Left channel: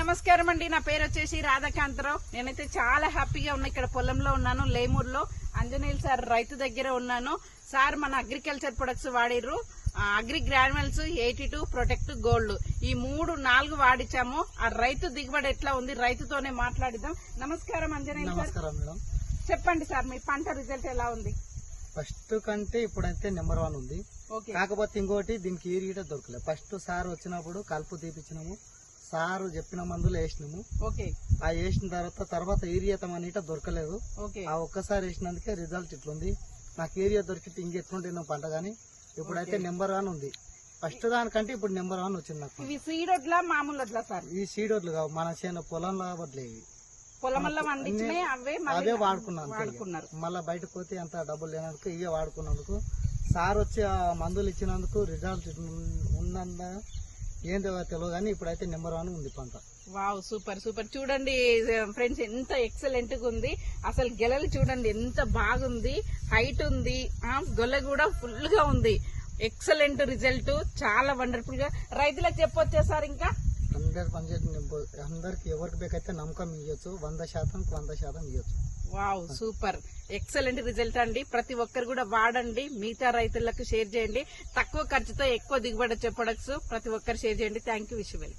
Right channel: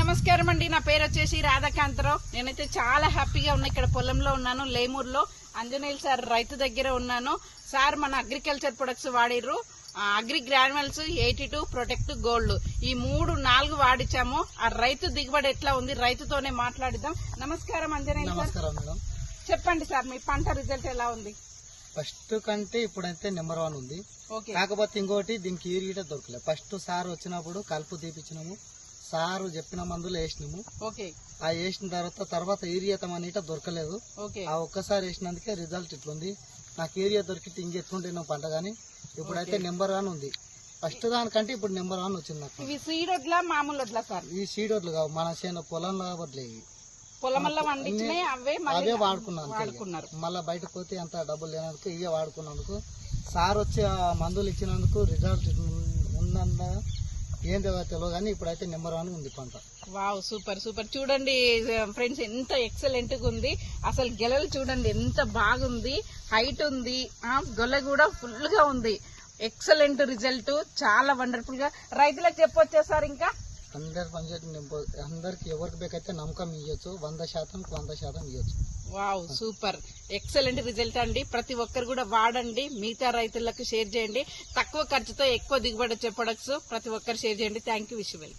నమస్కారం అండి. నా పేరు వచ్చేసి రాధాకాంతరావు. నేనైతే చాలా హ్యాపీగా ఉన్నా. ఇక్కడ పొలంలో ఉన్నాను, లేమూరులో. ఆంజనేయులు సార్ రైతు దగ్గర ఉన్నాను. సార్ మన అగ్రికల్చర్ ప్రొడక్ట్స్ వాడిర్రు. అగ్రి గ్రాన్యువల్స్ 82 ప్రొటెక్ట్ గోల్డ్, ఈ 3-4 వాడిచ్చాము. ఆ రైతు దిగుబడి ఎట్లా ఉంది, రైతుతోనే మాట్లాడిద్దాం. నమస్కారం ఆంజనేయులు సార్. మేడం, చెప్పండి సార్, మీ పంట రిజల్ట్ ఎలా ఉంది? ఫస్ట్ కంటే ఇప్పుడైతే నెంబర్ 1 ఉంది. కాకపోతే ఇంకోటి దీనికి ఈరిగిట దొరకలేదు. ఫస్ట్ సార్ వచ్చినప్పుడు కలుపు తీపిచ్చినాము, సారు చెప్పిన మందులు వేసినాము. ఆ వేసిన తర్వాత ఈరియతం అనేట దొరకలేదు. ఆ ఒక్కసారి వేసినందుకే రిజల్ట్ ఇట్లుంది. నాకు ఏరియా దొరికితే ఇంకెట్లుంటే పంట గానీ ఇప్పుడైతే నెంబర్ 1 ఉంది. ఫస్ట్ దానికంటే ఇప్పుడు నెంబర్ 1 వచ్చింది నాకు. ఇవి సీడ్ వడ్లా మామూలు వడ్లా సార్? ఈ సీడ్ వడ్లు కావు, మన చేను పొలంలో వడ్లే. అవే వాడుకున్నాను. మళ్ళీ బయటకు పోతే అంత డబ్బులు లేనందుకు ఇవే వాడుకున్నందుకు, సార్ వచ్చి ఆ మందులు ఇచ్చినందుకు రిజల్ట్ ఉందన్న ఏంటో తెలియదు కానీ ఇప్పుడైతే నెంబర్ 1 ఉంది పంట. Wow, super super. చూడండి ఫ్రెండ్స్, ఎంత ఎక్సలెంట్ గా ఉంది. అసలు గెలలు చూడండి ఎంత బాగుంది, హైట్ ఉంది, గొల్ల కూడా ఫుల్ గా ఉంది. ఎక్సలెంట్ రిజల్ట్, చాలా వండర్ఫుల్ గా. రైతులకు చెప్పొచ్చా సార్? ఇంకా 100% అందరికి ఎవరికి బేకైతే నమ్మకం ఇవ్వచ్చు, 100% ఇవ్వచ్చు. వావ్, సూపర్ ఎక్సలెంట్ రిజల్ట్ అండి. ప్రతి ఒక్కరు కూడా వాడండి, మిగతా రైతులకు షేర్ చేయండి. తక్కువ ఖర్చుతో ఎక్కువ దిగుబడి వచ్చే ప్రొడక్ట్స్ ప్రతి ఒక్కరు షేర్ చేయండి. Thank you. Wish you well.